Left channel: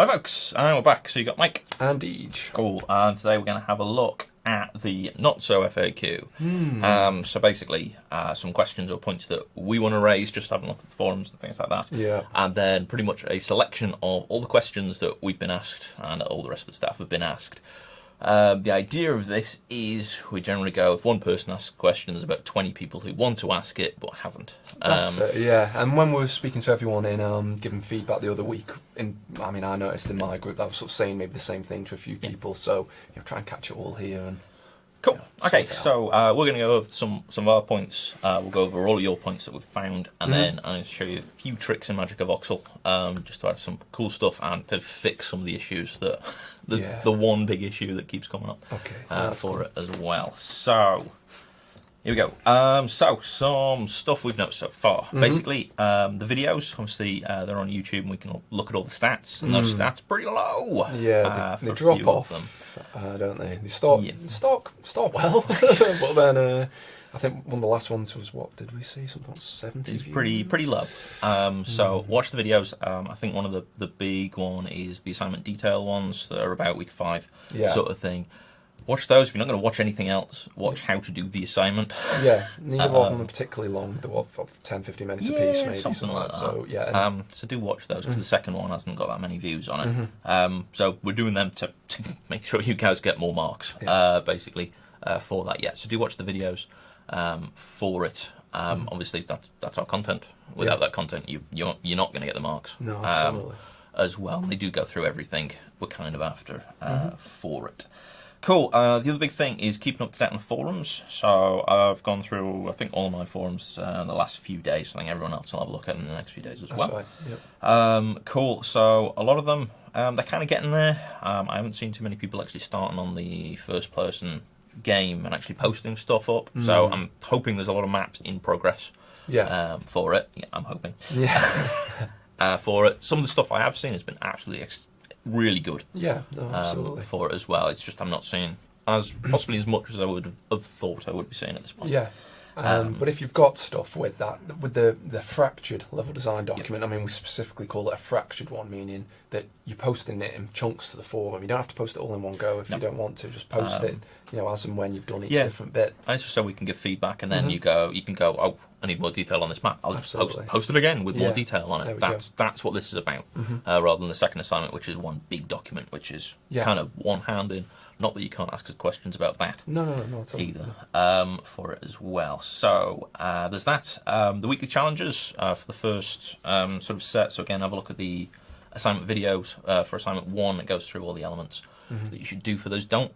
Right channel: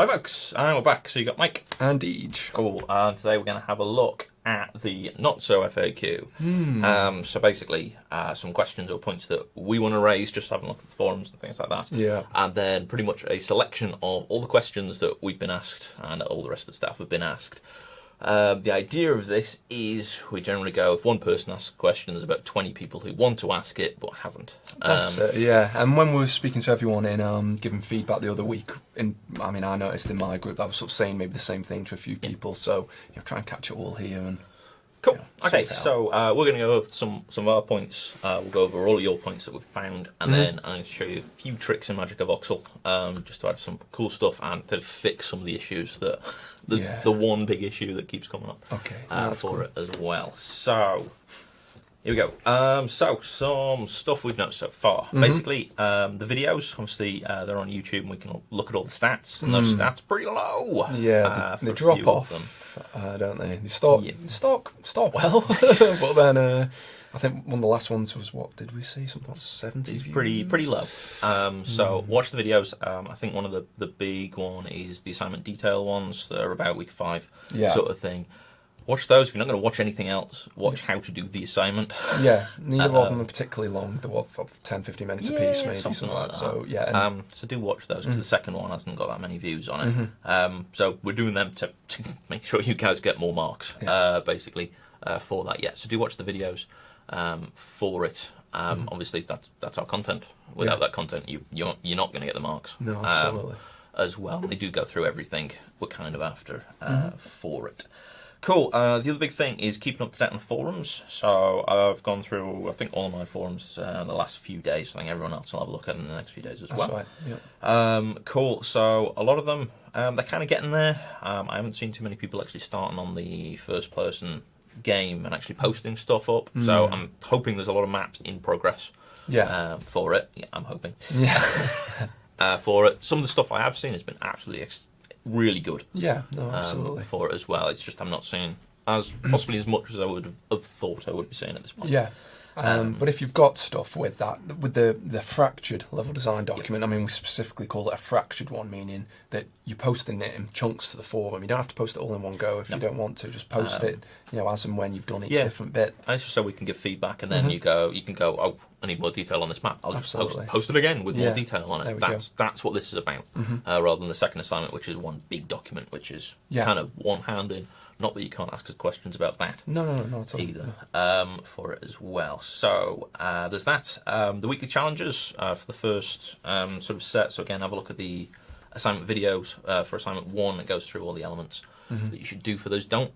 Hi folks, and we're back. So you got Mike and Itgd. Cool. And today we're going to have a look at the not so FAQ. So basically, some questions or points that we want to raise, just having a look at the forums and things like that. Yeah. And then pretty much a selection of all the questions that we've been asked and all the rest of the staff have been asked. The idea of this is we generally go, if one person asks a question, there's about 20 people who want to ask it but haven't. That's it, yeah. And when we were speaking to everyone in giving feedback the other week, I noticed in my group I was sort of saying maybe the same thing to a few people, so try and catch it all here. And cool. Okay, so we're going to go over some of our points. We'll go over all of your points that we've found, and then I'm going to show you a few tricks in MagicVoxel, just to add some cool stuff and to fix some of the issues that the one big issue that keeps coming up. Okay, for it as well. So here we go. So some stuff we've noticed so far. Basically, the videos, obviously, they're on YouTube, and we can look at all the stats, and those stats are pretty low. Yeah, they drop off, don't they? They start well, but then I think one of the last ones was, what did we see? Something like 70 It's views? pretty low. So watch the videos. I think one of the big one is the assignment detail ones that are about week 5, sort of thing. Watch those. If you're not going to watch anything else, watch how to do the assignment. Yeah, neither of them are particularly long. They're what, 10-15 minutes a piece, maybe something like that. So yeah. So do watch those, because the second one hasn't got that many views on it. So we're doing them to make sure you guys get more marks, basically, for that. Yeah. So do watch the videos for it. Obviously, that's our content. Without that content, you're not going to get the marks. No, absolutely. As well, they do go through everything we're kind of after for it. Cool. The other big thing is keeping up to date on the forums. So I've gone through, I think, all of my forums in the last few days. I think everyone else will have a look at them in the next few days as well. That's right. Yeah. Cool. So a lot of them, they're kind of getting there. I haven't seen too many people actually starting on the first-person game and actually posting stuff up. So I'm hoping there's a lot of maps in progress. Yeah. For it. Yeah, I'm hoping. Yeah. For it. Some of the stuff I have seen has been absolutely really good. Yeah, no, absolutely. For it as well. It's just I'm not seeing possibly as much as I would have thought I would be seeing at this point. Yeah. But if you've got stuff with the fractured level design document, we specifically call it a fractured one, meaning that you're posting it in chunks to the forum. You don't have to post it all in one go if you don't want to. Just post it, as and when you've done each different bit. And it's just so we can give feedback, and then you can go, oh, I need more detail on this map. I'll just post it again with more detail on it. That's what this is about, rather than the second assignment, which is one big document, which is kind of one hand in. Not that you can't ask us questions about that. No, at all. Either. For it as well. So there's that. The weekly challenges for the first sort of set. So again, have a look at the assignment videos for assignment 1. It goes through all the elements that you should do for those. Don't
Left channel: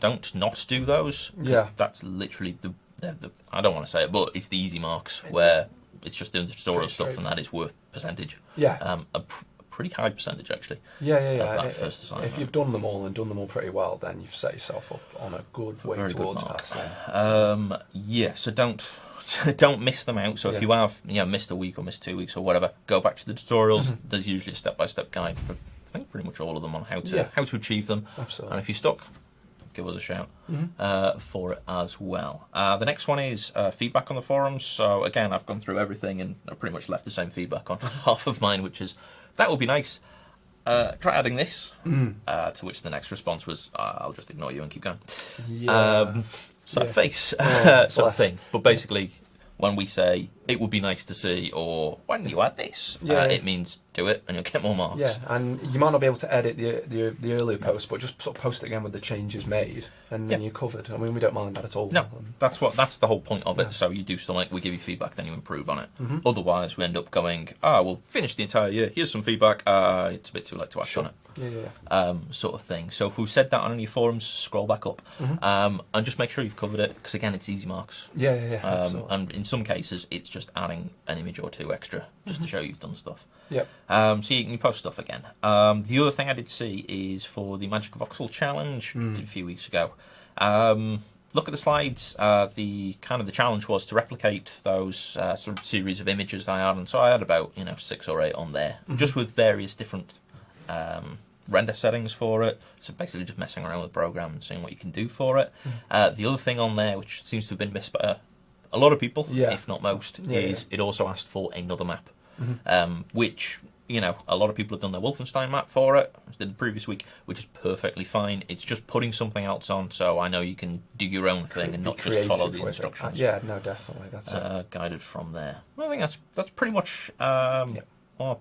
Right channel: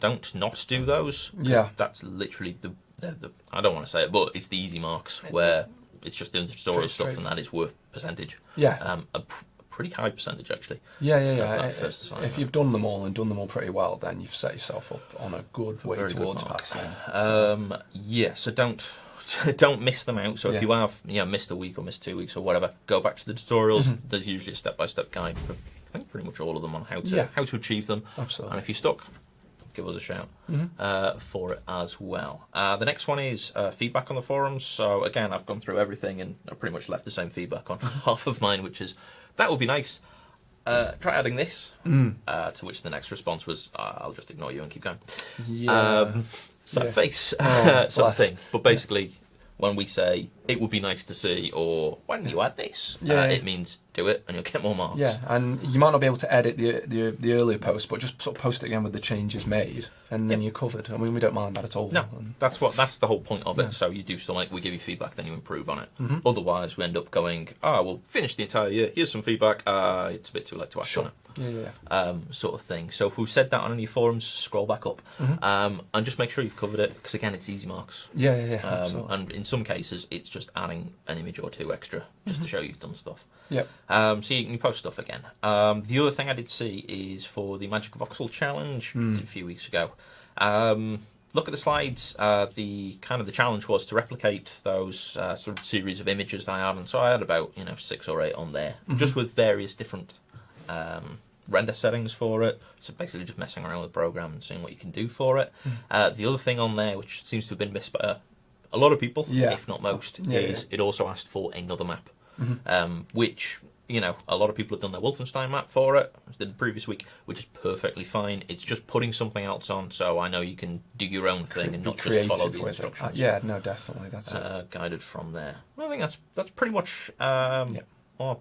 not do those. Yeah. That's literally the I don't want to say it, but it's the easy marks where it's just doing the tutorial stuff, and that is worth percentage. Yeah. A pretty high percentage, actually. Yeah. First assignment. If you've done them all and done them all pretty well, then you've set yourself up on a good way towards passing. Yeah, so don't miss them out. So if you have missed a week or missed 2 weeks or whatever, go back to the tutorials. There's usually a step-by-step guide for I think pretty much all of them on how to achieve them. Absolutely. And if you're stuck, give us a shout for it as well. The next one is feedback on the forums. So again, I've gone through everything and I've pretty much left the same feedback on half of mine, which is, that would be nice. Try adding this. To which the next response was, I'll just ignore you and keep going. Face sort of thing. But basically, when we say, it would be nice to see, or why don't you add this? It means do it and you'll get more marks. Yeah, and you might not be able to edit the earlier post, but just sort of post it again with the changes made, and then you're covered. We don't mind that at all. No, that's the whole point of it. So you do still we give you feedback, then you improve on it. Otherwise, we end up going, we'll finish the entire year. Here's some feedback. It's a bit too late to act on it. Sort of thing. So if we've said that on any forums, scroll back up and just make sure you've covered it, because again, it's easy marks. And in some cases, it's just adding an image or two extra just to show you've done stuff. So you can post stuff again. The other thing I did see is for the MagicVoxel challenge a few weeks ago. Look at the slides. The challenge was to replicate those sort of series of images that I had, and so I had about 6 or 8 on there, just with various different render settings for it. So basically, just messing around with the program and seeing what you can do for it. The other thing on there, which seems to have been missed by a lot of people, if not most, is it also asked for another map, which a lot of people have done their Wolfenstein map for it, as did the previous week, which is perfectly fine. It's just putting something else on, so I know you can do your own thing and not just follow the instructions. Yeah, no, definitely. That's guided from there. I think that's pretty much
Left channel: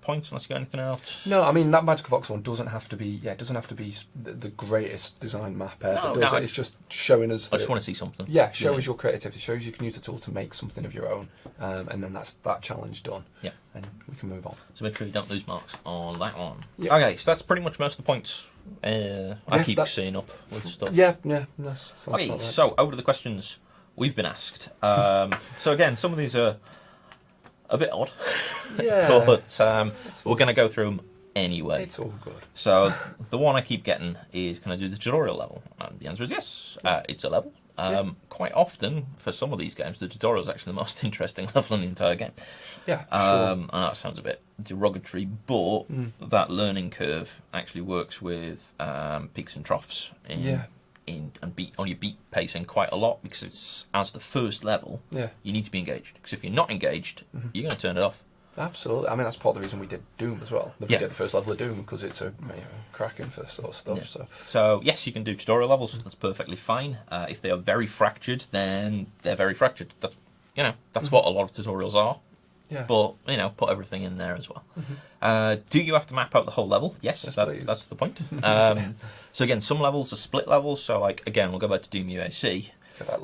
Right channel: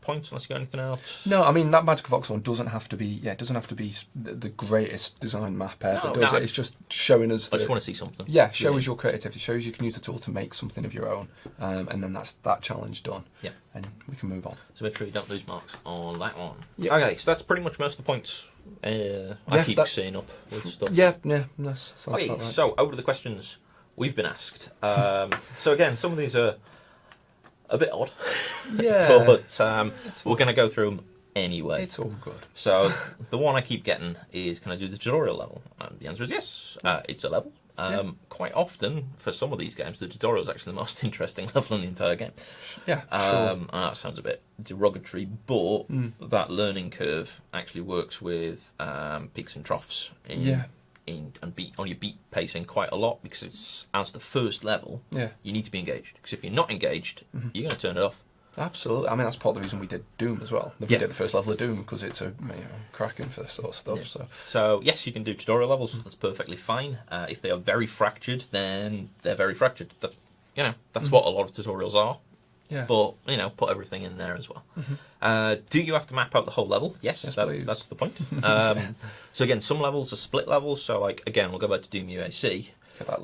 points, unless you got anything else. No, I mean that MagicVoxel one doesn't have to be. Yeah, it doesn't have to be the greatest design map ever. It's just showing us. I just want to see something. Yeah, show us your creativity. Shows you can use a tool to make something of your own, and then that's that challenge done. Yeah, and we can move on. So make sure you don't lose marks on that one. Yeah. Okay, so that's pretty much most of the points. I keep seeing up with stuff. Yeah. Okay, right. So over to the questions we've been asked. So again, some of these are a bit odd. Yeah. But we're going to go through them anyway. It's all good. So the one I keep getting is, can I do the tutorial level? And the answer is yes. It's a level. Quite often, for some of these games, the tutorial is actually the most interesting level in the entire game. Yeah, sure. And that sounds a bit derogatory, but that learning curve actually works with peaks and troughs and beat on your beat pacing quite a lot, because it's, as the first level, you need to be engaged. Because if you're not engaged, you're going to turn it off. Absolutely. I mean, that's part of the reason we did Doom as well. We did the first level of Doom because it's cracking for this sort of stuff. Yeah. So yes, you can do tutorial levels. That's perfectly fine. If they are very fractured, then they're very fractured. That's what a lot of tutorials are. Yeah. But put everything in there as well. Do you have to map out the whole level? Yes, that's the point. So again, some levels are split levels. So like again, we'll go back to Doom UAC.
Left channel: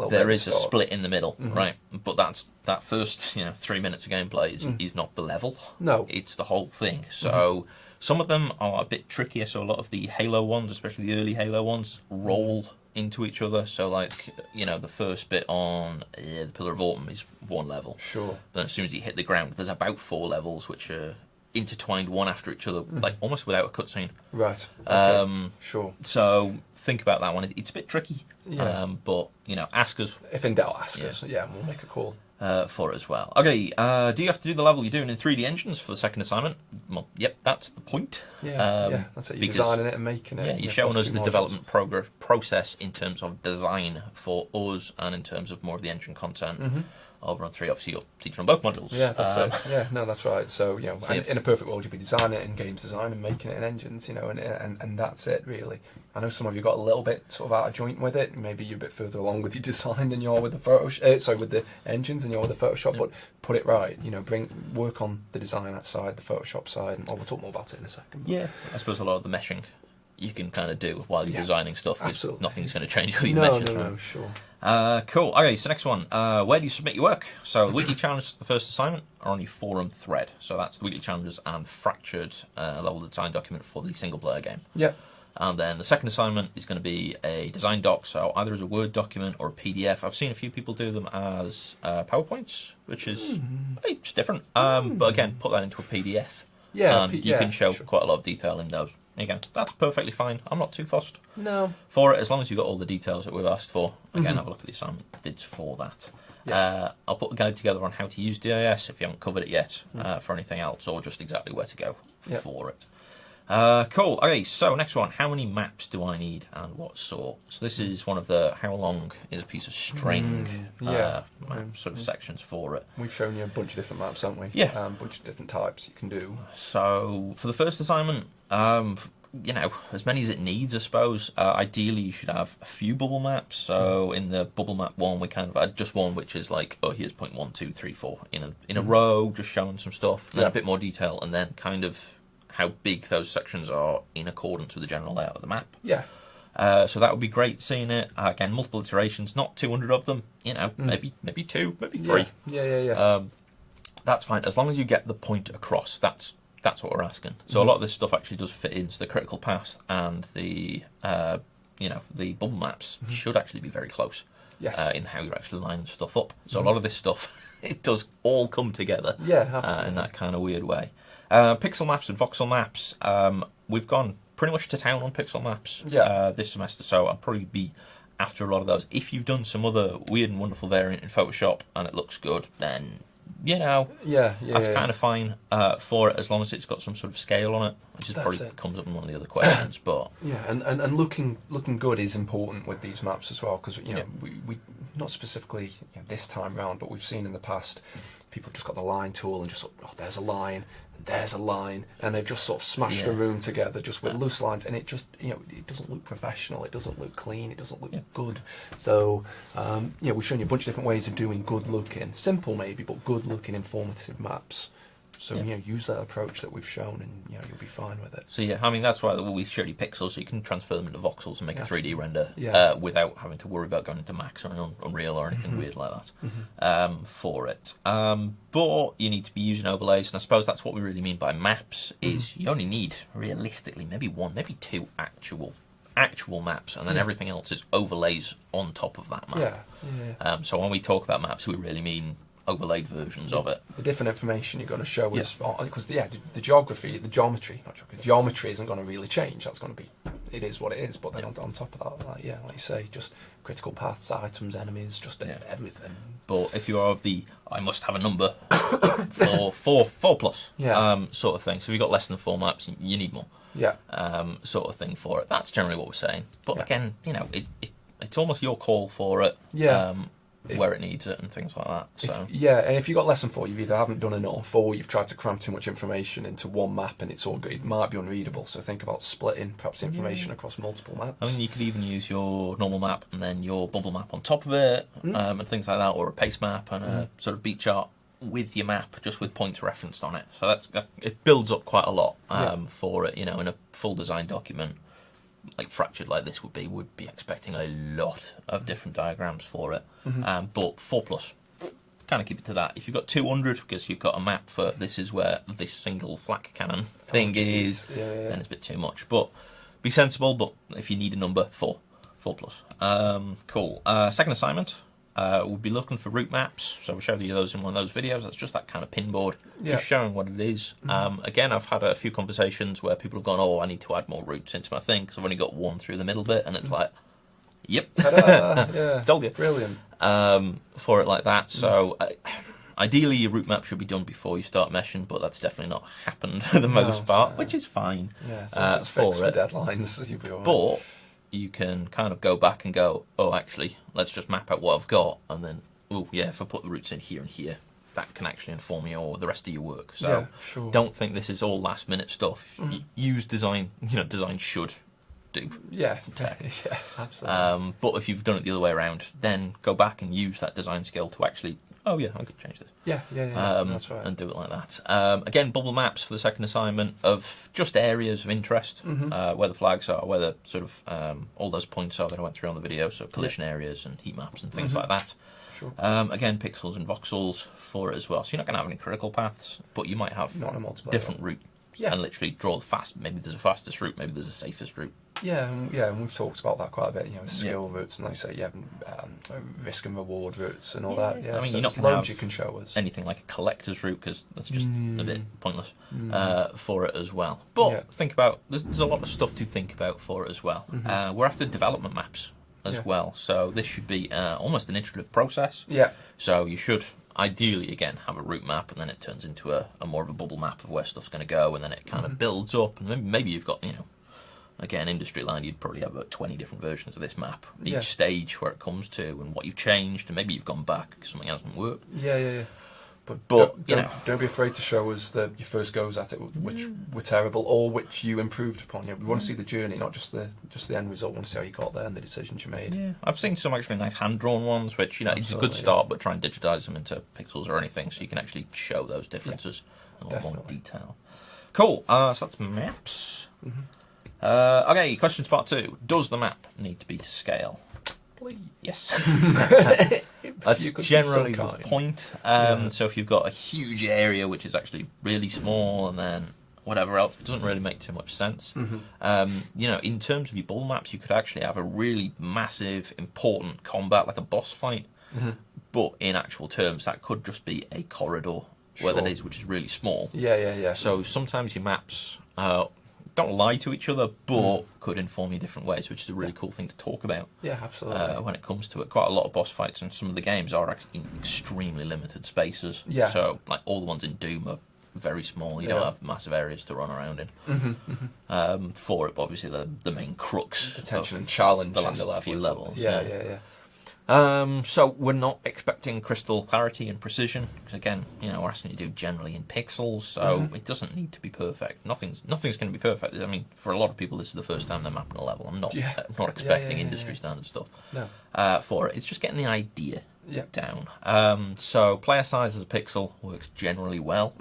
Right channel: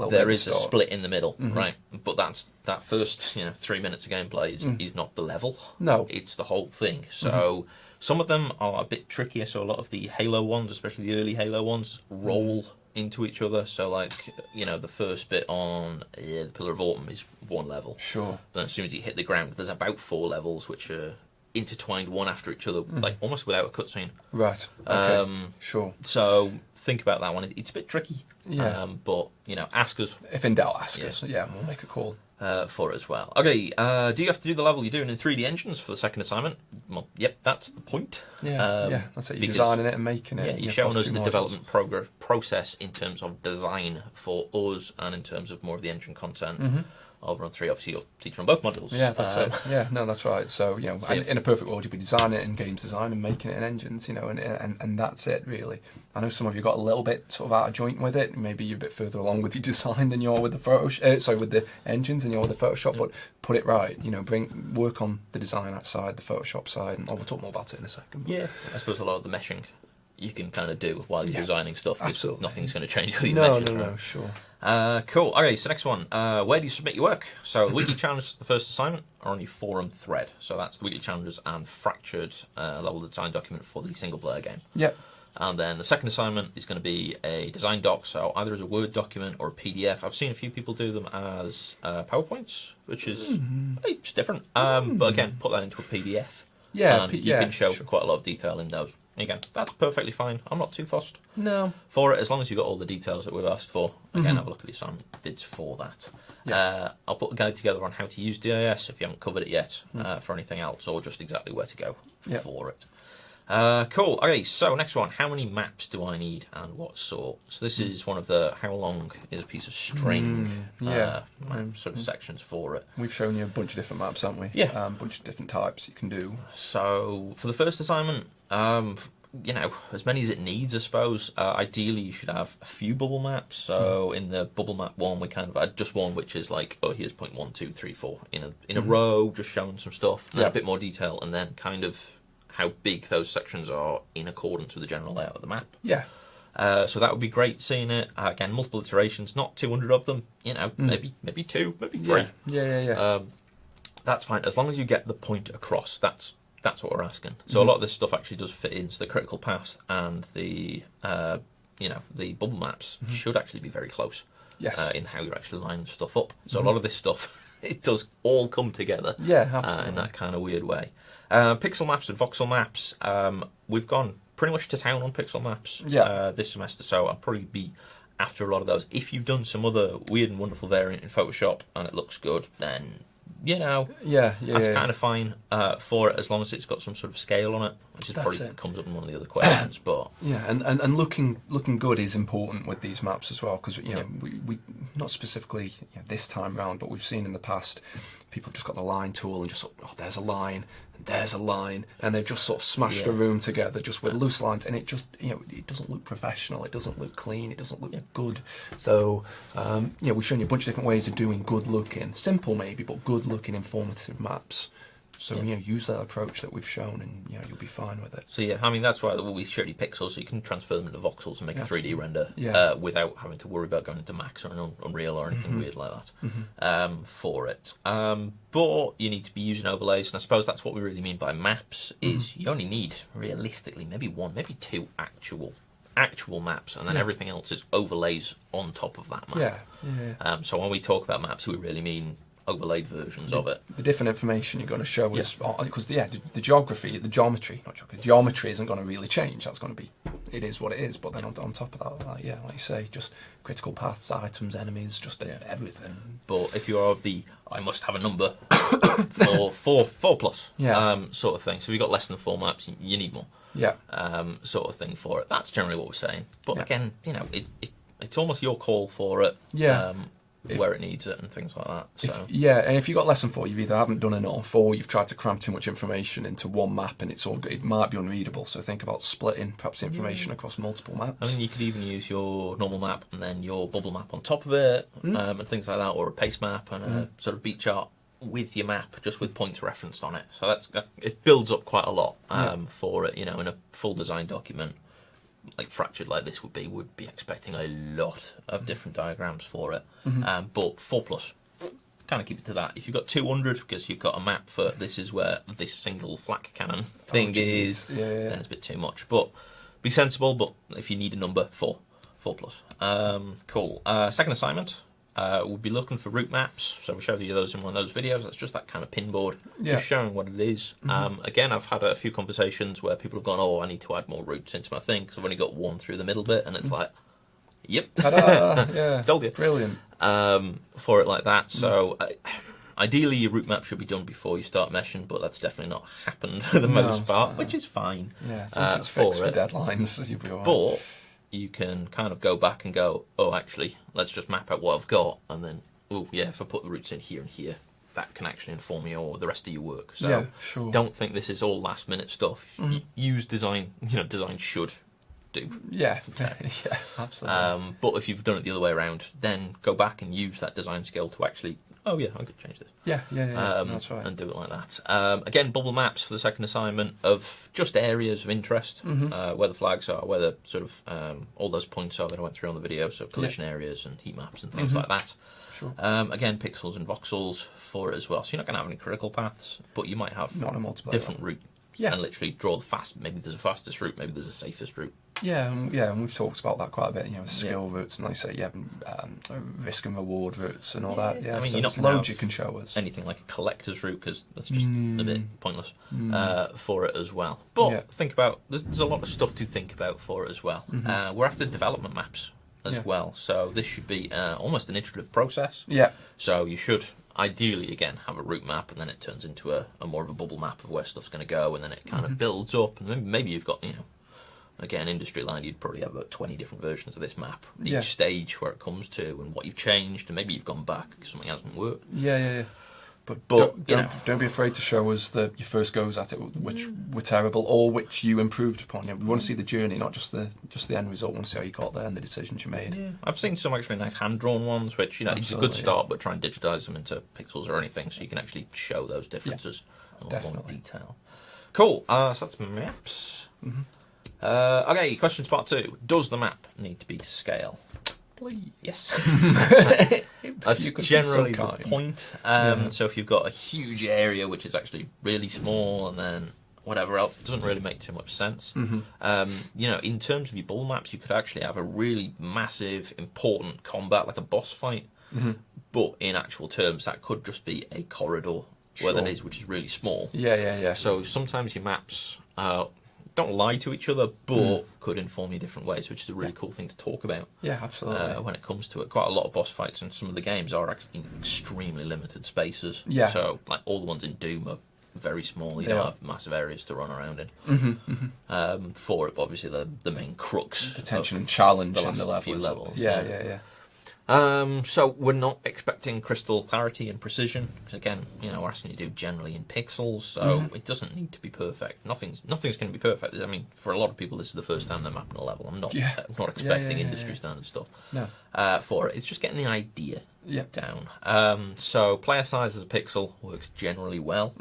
There is a split in the middle, right? But that first 3 minutes of gameplay is not the level. No, it's the whole thing. So some of them are a bit trickier. So a lot of the Halo ones, especially the early Halo ones, roll into each other. So like the first bit on the Pillar of Autumn is one level. Sure. But as soon as you hit the ground, there's about 4 levels which are intertwined one after each other, like almost without a cutscene. Right. Okay. Sure. So think about that one. It's a bit tricky. Yeah. But ask us. If in doubt, ask us. Yeah, we'll make a call. For it as well. Okay, do you have to do the level you're doing in 3D engines for the second assignment? Well, yep, that's the point. Yeah, that's it. You're designing it and making it. Yeah, you're showing us the development process in terms of design for us and in terms of more of the engine content. Over on 3, obviously you're teaching on both modules. Yeah, that's it. Yeah, no, that's right. So, in a perfect world, you'd be designing it in games design and making it in engines, and that's it, really. I know some of you got a little bit sort of out of joint with it. Maybe you're a bit further along with your design than you are with the with the engines than you are with the Photoshop, but put it right. Work on the design outside, the Photoshop side, and we'll talk more about it in a second. Yeah, I suppose a lot of the meshing you can kind of do while you're designing stuff. Absolutely. Nothing's going to change with your meshes. No, sure. Cool. Okay, so next one. Where do you submit your work? So the weekly challenge, the first assignment, are on your forum thread. So that's the weekly challenges and fractured level design document for the single player game. Yep. And then the second assignment is going to be a design doc, so either as a Word document or a PDF. I've seen a few people do them as PowerPoints, which is it's different. But again, put that into a PDF. Yeah, and you can show quite a lot of detail in those. Again, that's perfectly fine. I'm not too fussed. No. For it, as long as you've got all the details that we've asked for. Again, have a look at the assignment bids for that. Yeah. I'll put a guide together on how to use DIS if you haven't covered it yet for anything else, or just exactly where to go for it. Cool. Okay, so next one. How many maps do I need and what sort? So this is one of the how long is a piece of string sort of sections for it. We've shown you a bunch of different maps, haven't we? Yeah. A bunch of different types you can do. So for the first assignment, as many as it needs, I suppose. Ideally, you should have a few bubble maps. So in the bubble map one, we kind of had just one, which is like, here's point 1, 2, 3, 4 in a row, just showing some stuff, and then a bit more detail, and then kind of how big those sections are in accordance with the general layout of the map. Yeah. So that would be great seeing it. Again, multiple iterations, not 200 of them. Maybe 2, maybe 3. Yeah. That's fine as long as you get the point across. That's what we're asking. So a lot of this stuff actually does fit into the critical path, and the the bubble maps should actually be very close. Yes. In how you're actually lining stuff up. So a lot of this stuff, it does all come together. Yeah, absolutely. In that kind of weird way. Pixel maps and voxel maps. We've gone pretty much to town on pixel maps this semester, so I'll probably be after a lot of those. If you've done some other weird and wonderful variant in Photoshop and it looks good, then that's kind of fine for it, as long as it's got some sort of scale on it, which is probably comes up in one of the other questions. But and looking good is important with these maps as well, because we not specifically this time round, but we've seen in the past people have just got the line tool and just there's a line, there's a line, and they've just sort of smashed a room together just with loose lines, and it just, it doesn't look professional, it doesn't look clean, it doesn't look good. So, we've shown you a bunch of different ways of doing good looking, simple maybe, but good looking informative maps. So, use that approach that we've shown, and, you'll be fine with it. So, that's why we showed you pixels, so you can transfer them into voxels and make a 3D render without having to worry about going into Max or Unreal or anything weird like that for it. But you need to be using overlays, and I suppose that's what we really mean by maps, is you only need, realistically, maybe one, maybe two actual maps, and then everything else is overlays on top of that map. So when we talk about maps, we really mean overlaid versions of it. The different information you're going to show is because the geography, geometry isn't going to really change. That's going to be, it is what it is. But then on top of that, like you say, just critical paths, items, enemies, just everything. But if you are of the I must have a number for four plus sort of thing, so if you've got less than 4 maps, you need more. Sort of thing for it. That's generally what we're saying. But again, it's almost your call for it. Where it needs it and things like that. So and if you've got less than 4, you either haven't done enough, or you've tried to cram too much information into one map, and it might be unreadable. So think about splitting perhaps information across multiple maps. I mean, you could even use your normal map and then your bubble map on top of it, and things like that, or a pace map and a sort of beat chart with your map, just with points referenced on it. So it builds up quite a lot for it. In a full design document. Like fractured like this would be expecting a lot of different diagrams for it. But 4 plus, kind of keep it to that. If you've got 200, because you've got a map for this is where this single flak cannon thing is, then it's a bit too much. But be sensible. But if you need a number, 4 plus. Cool. Second assignment. We'll be looking for route maps. So we showed you those in one of those videos. That's just that kind of pinboard, just showing what it is. Again, I've had a few conversations where people have gone, "Oh, I need to add more routes into my thing because I've only got one through the middle bit," and it's like, "Yep, ta-da! Told you, brilliant." For it like that. So ideally, your route map should be done before you start meshing, but that's definitely not happened for the most part, which is fine. It's fixed for deadlines. You'll be all right. But you can kind of go back and go, oh, actually, let's just map out what I've got, and then, if I put the routes in here and here, that can actually inform you or the rest of your work. So don't think this is all last minute stuff. Use design. Design should do. Absolutely. But if you've done it the other way around, then go back and use that design skill to actually, I could change this. That's right. And do it like that. Again, bubble maps for the second assignment of just areas of interest, where the flags are, where the sort of all those points are that I went through on the video, so collision areas and heat maps and things like that. Sure. Again, pixels and voxels for it as well. So you're not going to have any critical paths, but you might have different route. And literally draw maybe there's a fastest route, maybe there's a safest route. And we've talked about that quite a bit. Skill routes, and like I say, risk and reward routes and all that. I mean, you're not loads you can show us. Anything like a collector's route, because that's just a bit pointless for it as well. But think about there's a lot of stuff to think about for it as well. We're after development maps as well, so this should be almost an iterative process. So you should ideally, again, have a route map, and then it turns into a more of a bubble map of where stuff's going to go, and then it kind of builds up, and maybe you've got, again, industry line, you'd probably have about 20 different versions of this map, each stage where it comes to, and what you've changed, and maybe you've gone back because something hasn't worked. But don't be afraid to show us your first goes at it, which were terrible, or which you improved upon. We want to see the journey, not just the end result. We want to see how you got there and the decisions you made. I've seen some actually nice hand-drawn ones, which, it's a good start, but try and digitise them into pixels or anything, so you can actually show those differences in more detail. Cool, so that's maps. Okay, questions part 2. Does the map need to be to scale? Please. Yes. That's generally the point. So if you've got a huge area which is actually really small, and then whatever else, it doesn't really make too much sense. In terms of your bubble maps, you could actually have a really massive, important combat, like a boss fight. But in actual terms, that could just be a corridor where that is, which is really small. So sometimes your maps don't lie to each other, but could inform you different ways, which is a really cool thing to talk about. Absolutely. When it comes to it, quite a lot of boss fights in some of the games are in extremely limited spaces. So, like all the ones in Doom are very small. You don't have massive areas to run around in. For it, but obviously the main crux, the tension and challenge, the last few levels. So we're not expecting crystal clarity and precision, because again, we're asking you to do generally in pixels, so it doesn't need to be perfect. Nothing's going to be perfect. I mean, for a lot of people, this is the first time they're mapping a level. I'm not expecting industry standard stuff for it. It's just getting the idea down. So player size as a pixel works generally well.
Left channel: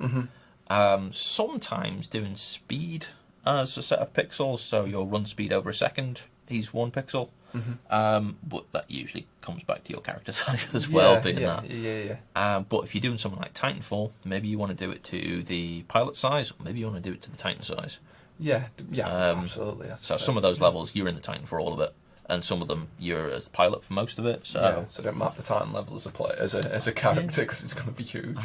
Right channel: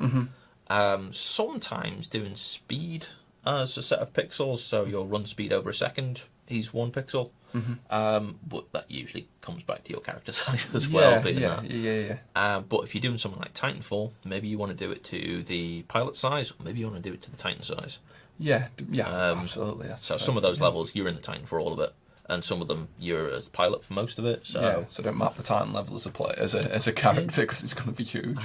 Sometimes doing speed as a set of pixels, so your run speed over a second is 1 pixel. But that usually comes back to your character size as well. But if you're doing something like Titanfall, maybe you want to do it to the pilot size, or maybe you want to do it to the Titan size. Absolutely. So some of those levels, you're in the Titan for all of it, and some of them you're as pilot for most of it. So don't map the Titan level as a player, as a character, because it's going to be huge.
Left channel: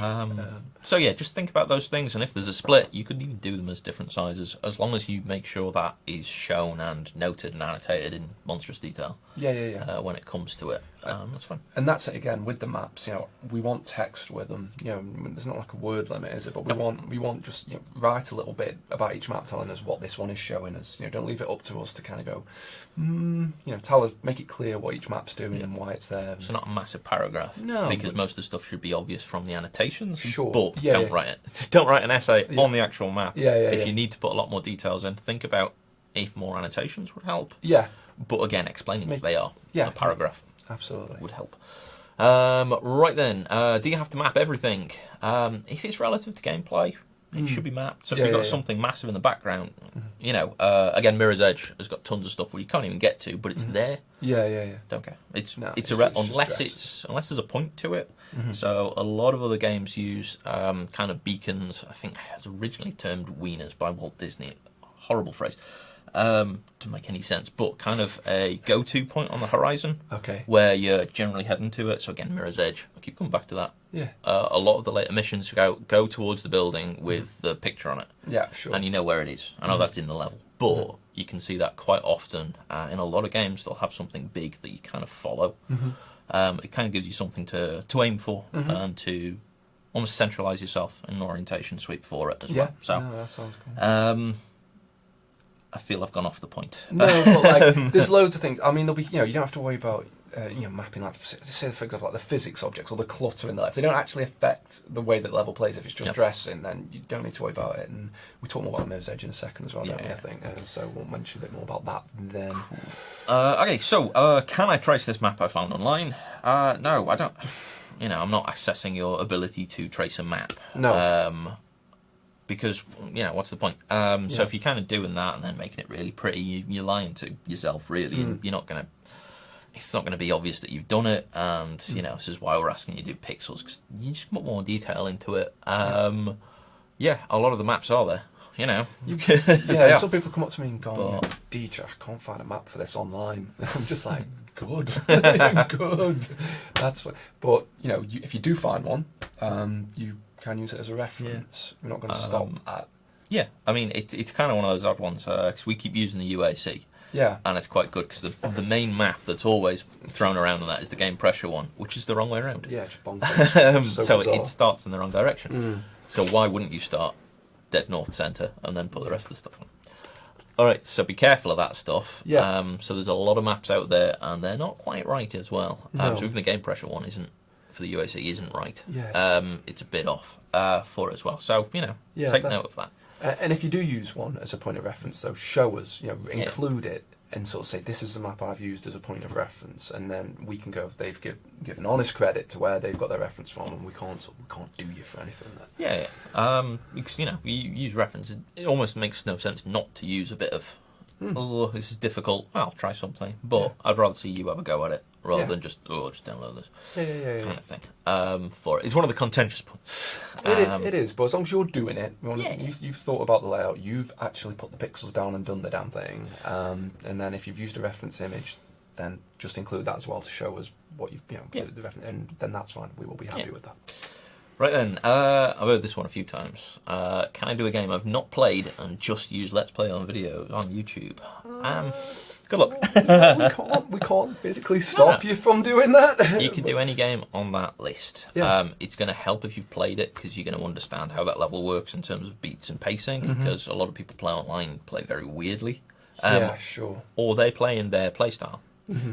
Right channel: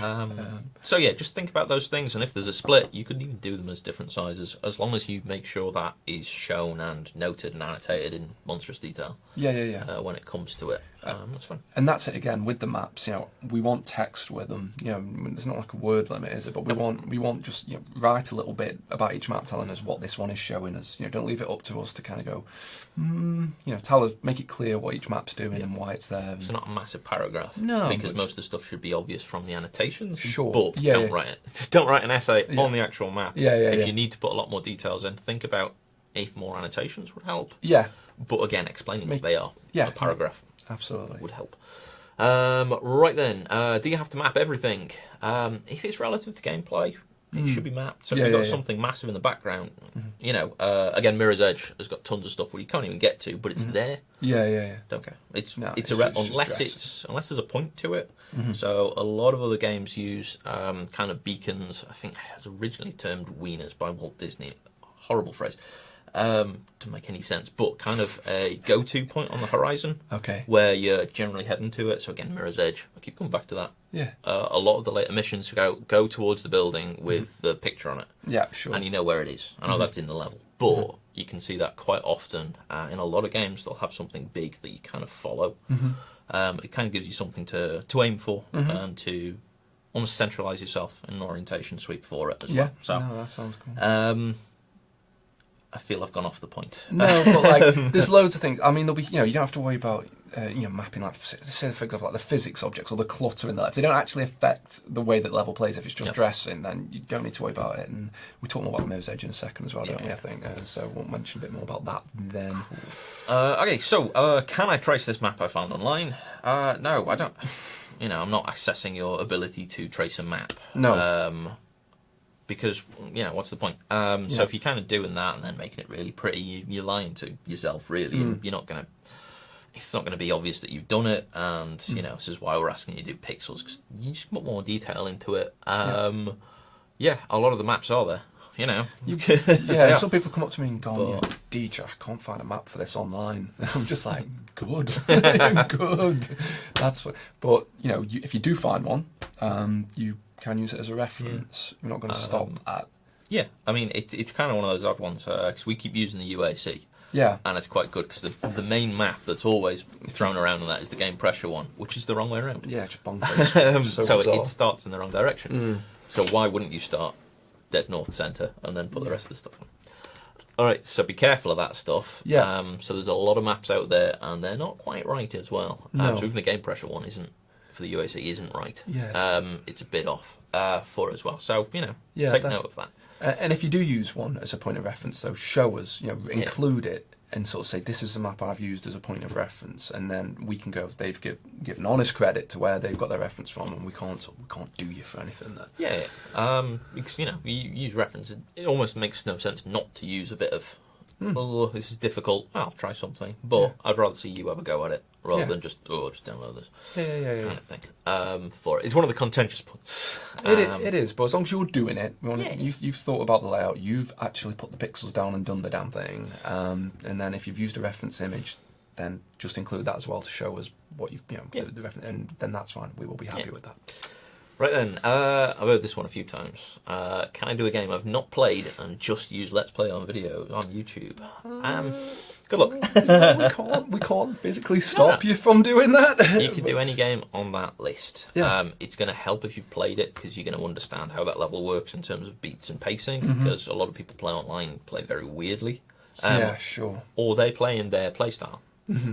So just think about those things, and if there's a split, you could even do them as different sizes, as long as you make sure that is shown and noted and annotated in monstrous detail. When it comes to it, that's fine. And that's it again with the maps. We want text with them. There's not like a word limit, is it? But we want just write a little bit about each map, telling us what this one is showing us. Don't leave it up to us to kind of go. Tell us, make it clear what each map's doing and why it's there. So not a massive paragraph. No, because most of the stuff should be obvious from the annotations. Sure, but don't write it. Don't write an essay on the actual map. If you need to put a lot more details in, think about if more annotations would help. But again, explaining what they are. A paragraph. Absolutely would help. Right then, do you have to map everything? If it's relative to gameplay, it should be mapped. So if you've got something massive in the background, again, Mirror's Edge has got tons of stuff where you can't even get to, but it's there. Don't care. It's unless there's a point to it. So a lot of other games use kind of beacons. I think it was originally termed wieners by Walt Disney. Horrible phrase. Doesn't make any sense, but kind of a go-to point on the horizon, where you're generally heading to it. So again, Mirror's Edge. I keep coming back to that. A lot of the later missions go towards the building with the picture on it. And you know where it is. I know that's in the level, but you can see that quite often in a lot of games. They'll have something big that you kind of follow. It kind of gives you something to aim for and to almost centralise yourself in an orientation sweep for it as well. So that sounds cool. I feel I've gone off the point. No, but there's loads of things. I mean, there'll be, you don't have to worry about, mapping say for example, like the physics objects or the clutter in there. If they don't actually affect the way that level plays, if it's just dressing, then you don't need to worry about it. And we talk more about Mirror's Edge in a second as well, don't we? I think so. We'll mention a bit more about that then. Okay, so can I trace this map I found online? No, I don't. I'm not assessing your ability to trace a map. No. Because, what's the point? So if you're kind of doing that and then making it really pretty, you're lying to yourself, really. And you're not going to... It's not going to be obvious that you've done it. And, this is why we're asking you to do pixels, because you just put more detail into it. A lot of the maps are there, Some people come up to me and go, DJ, I can't find a map for this online. I'm just like, good. Good. That's what... But, if you do find one, you... can use it as a reference. We're not going to stop at... Yeah, I mean, it's kind of one of those odd ones, because we keep using the UAC. And it's quite good, because the main map that's always thrown around on that is the game pressure one, which is the wrong way around. Yeah, just bonkers. So it starts in the wrong direction. So why wouldn't you start dead north centre and then put the rest of the stuff in? Alright, so be careful of that stuff. So there's a lot of maps out there, and they're not quite right as well. So even the game pressure one for the UAC isn't right. It's a bit off for it as well. So, take note of that. And if you do use one as a point of reference, though, show us, include it and sort of say, this is the map I've used as a point of reference. And then we can go, they've given honest credit to where they've got their reference from, and we can't do you for anything there. Because, you use reference. It almost makes no sense not to use a bit of, this is difficult, I'll try something. But I'd rather see you have a go at it, rather than just download this kind of thing. For it. It's one of the contentious points. It is, but as long as you're doing it, you've thought about the layout, you've actually put the pixels down and done the damn thing, and then if you've used a reference image, then just include that as well to show us what you've, the reference, and then that's fine. We will be happy with that. Right then, I've heard this one a few times. Can I do a game I've not played and just use Let's Play on video on YouTube? Good luck. we can't physically stop you from doing that. You can do any game on that list. It's going to help if you've played it, because you're going to understand how that level works in terms of beats and pacing, because a lot of people play online play very weirdly. Sure. Or they play in their playstyle.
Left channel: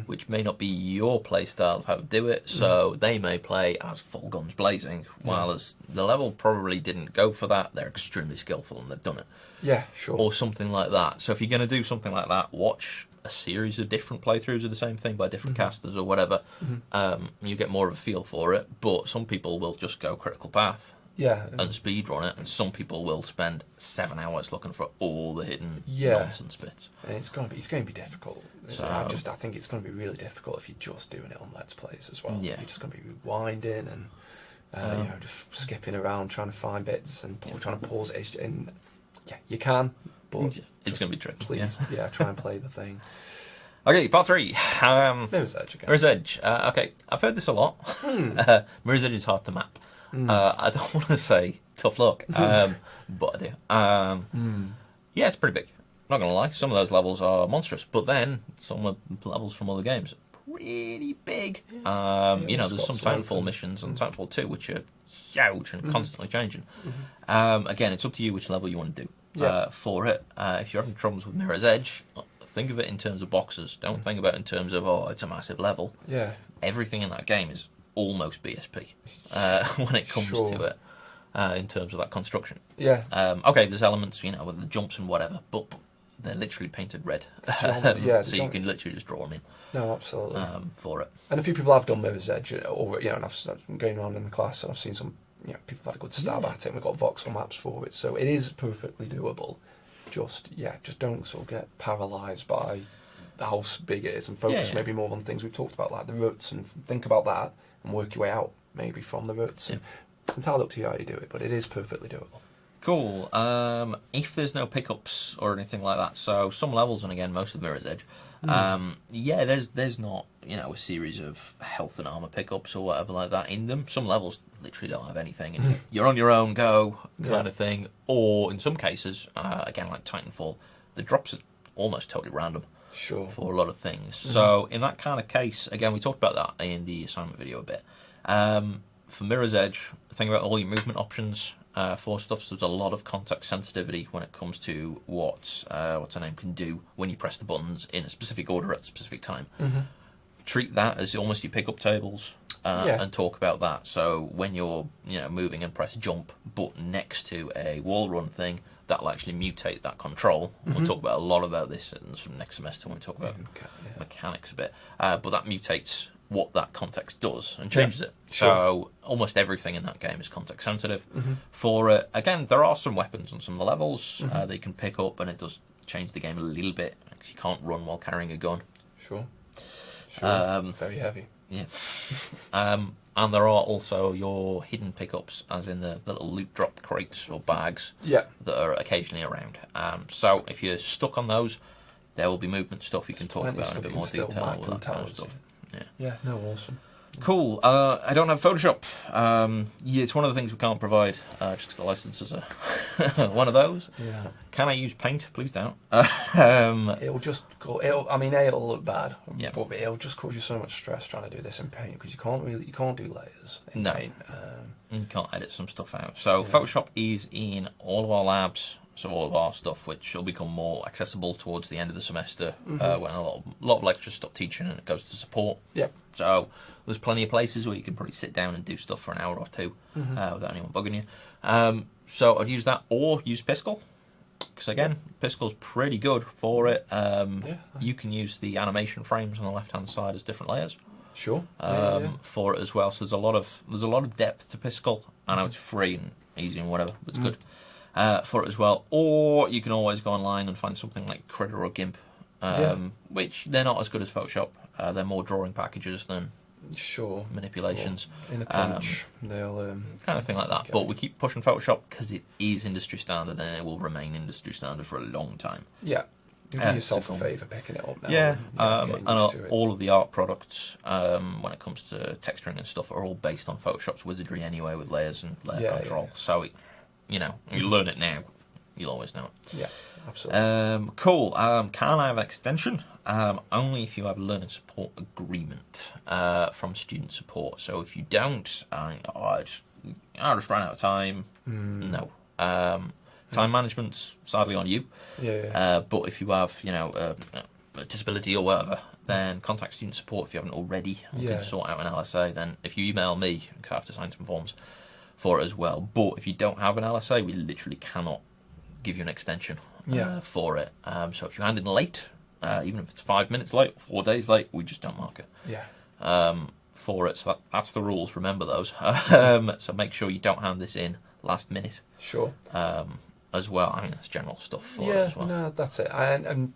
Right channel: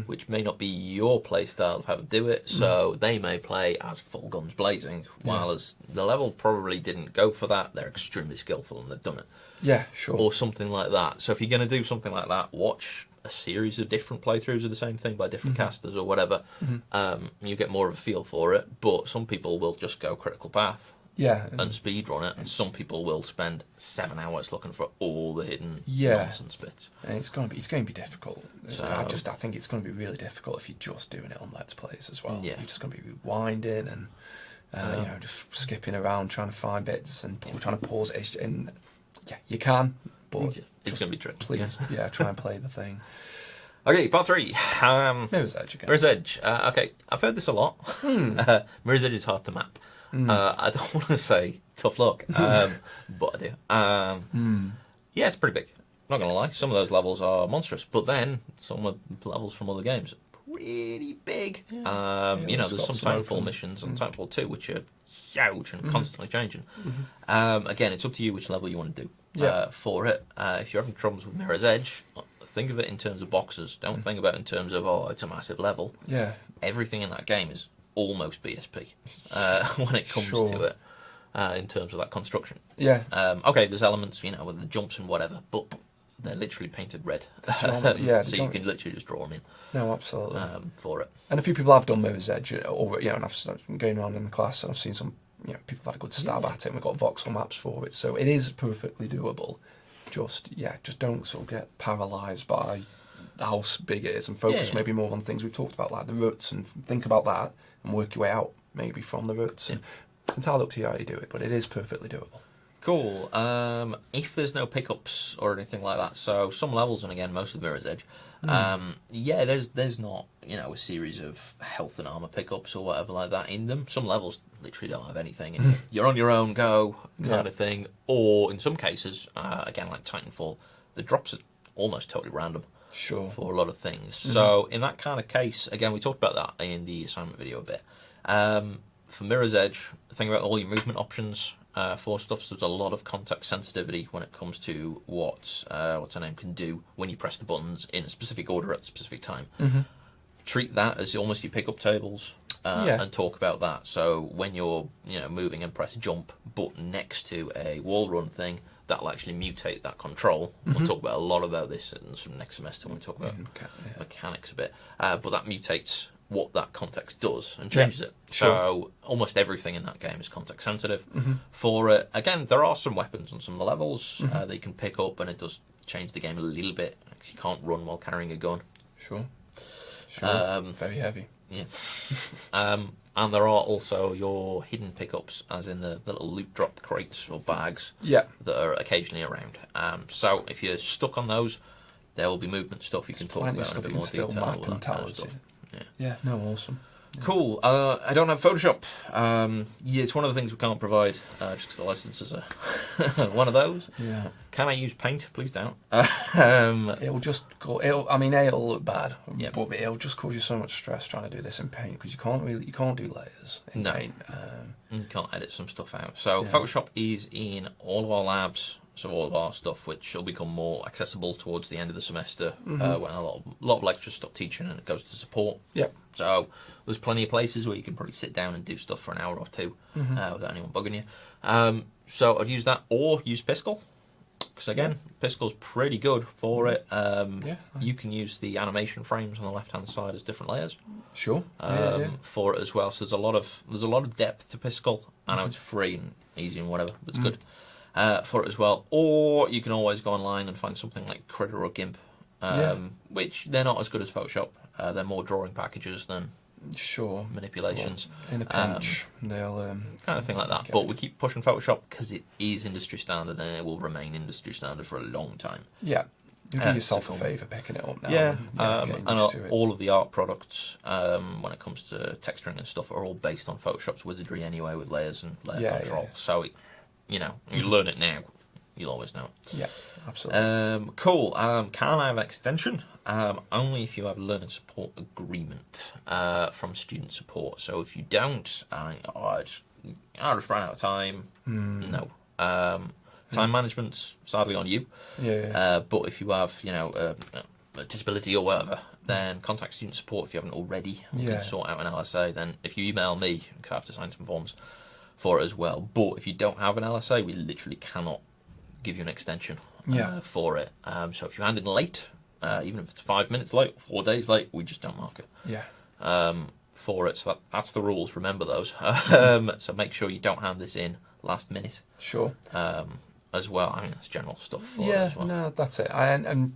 which may not be your play style of how to do it. So they may play as full guns blazing, while as the level probably didn't go for that. They're extremely skillful and they've done it. Yeah, sure. Or something like that. So if you're going to do something like that, watch a series of different playthroughs of the same thing by different casters or whatever. You get more of a feel for it. But some people will just go critical path. Yeah, and speed run it, and some people will spend 7 hours looking for all the hidden nonsense bits. And it's going to be difficult. So I think it's going to be really difficult if you're just doing it on Let's Plays as well. Yeah. You're just going to be rewinding and just skipping around trying to find bits and trying to pause it. And yeah, you can, but it's going to be tricky. Please, try and play the thing. Okay, part 3. Mirror's Edge again. Mirror's Edge. Okay, I've heard this a lot. Mirror's Edge is hard to map. I don't want to say tough luck, but I do. Yeah, it's pretty big. Not going to lie, some of those levels are monstrous, but then some of the levels from other games are pretty big. There's some Titanfall missions on Titanfall 2 which are huge and constantly changing. Again, it's up to you which level you want to do for it. If you're having troubles with Mirror's Edge, think of it in terms of boxes. Don't think about it in terms of, it's a massive level. Yeah. Everything in that game is almost BSP when it comes to it in terms of that construction. Yeah. Okay, there's elements, with the jumps and whatever, but they're literally painted red. So you can literally just draw them in. No, absolutely. For it. And a few people have done Mirror's Edge already, and I've been going on in the class and I've seen some people have had a good stab at it, and we've got voxel maps for it, so it is perfectly doable. Just don't sort of get paralysed by how big it is and focus maybe more on things we've talked about, like the roots, and think about that and work your way out maybe from the roots. And it's entirely up to you how you do it, but it is perfectly doable. Cool. If there's no pickups or anything like that, so some levels, and again most of Mirror's Edge, there's not a series of health and armor pickups or whatever like that in them. Some levels literally don't have anything, and you're on your own go kind of thing. Or in some cases, again like Titanfall, the drops are almost totally random. Sure. For a lot of things. So in that kind of case, again, we talked about that in the assignment video a bit. For Mirror's Edge, think about all your movement options for stuff. So there's a lot of context sensitivity when it comes to what what's her name can do when you press the buttons in a specific order at a specific time. Treat that as almost your pickup tables and talk about that. So when you're moving and press jump, but next to a wall run thing, that'll actually mutate that control. We'll talk about a lot about this in next semester when we talk about mechanics a bit. But that mutates what that context does and changes it. Sure. So almost everything in that game is context sensitive. For it, again, there are some weapons on some of the levels that you can pick up, and it does change the game a little bit. You can't run while carrying a gun. Sure. Very heavy. Yeah. And there are also your hidden pickups, as in the little loot drop crates or bags that are occasionally around. So if you're stuck on those, there will be movement stuff you can talk about in a bit more detail. That kind of stuff. Awesome. Cool. I don't have Photoshop. It's one of the things we can't provide, just because the licenses are one of those. Yeah. Can I use Paint? Please don't. It'll look bad, but it'll just cause you so much stress trying to do this in Paint, because you can't do layers in Paint. You can't edit some stuff out. So Photoshop is in all of our labs. So all of our stuff, which will become more accessible towards the end of the semester, when a lot of lecturers stop teaching and it goes to support. Yep. So there's plenty of places where you can probably sit down and do stuff for an hour or two without anyone bugging you. So I'd use that, or use Piskel, because again, Piskel's pretty good for it. You can use the animation frames on the left-hand side as different layers. Sure. For it as well. So there's a lot of depth to Piskel. I know it's free and easy and whatever, but it's good. For it as well. Or you can always go online and find something like Critter or Gimp, which they're not as good as Photoshop. They're more drawing packages than manipulations. Well, in a pinch, they'll kind of thing like that. But we keep pushing Photoshop because it is industry standard, and it will remain industry standard for a long time. Yeah. You do yourself a favour picking it up now. And all of the art products, when it comes to texturing and stuff, are all based on Photoshop's wizardry anyway, with layers and layer control. So you learn it now, you'll always know it. Yeah, absolutely. Cool. Can I have an extension? Only if you have a learning support agreement from student support. So if you don't, I just ran out of time. No. Time management's sadly on you. But if you have, a disability or whatever, then contact student support if you haven't already. We can sort out an LSA. Then if you email me, because I have to sign some forms for it as well. But if you don't have an LSA, we literally cannot give you an extension for it. So if you hand in late, even if it's 5 minutes late, 4 days late, we just don't mark it. For it. So that's the rules. Remember those. So make sure you don't hand this in last minute. Sure. As well. I mean, it's general stuff for it as well. No, that's it. And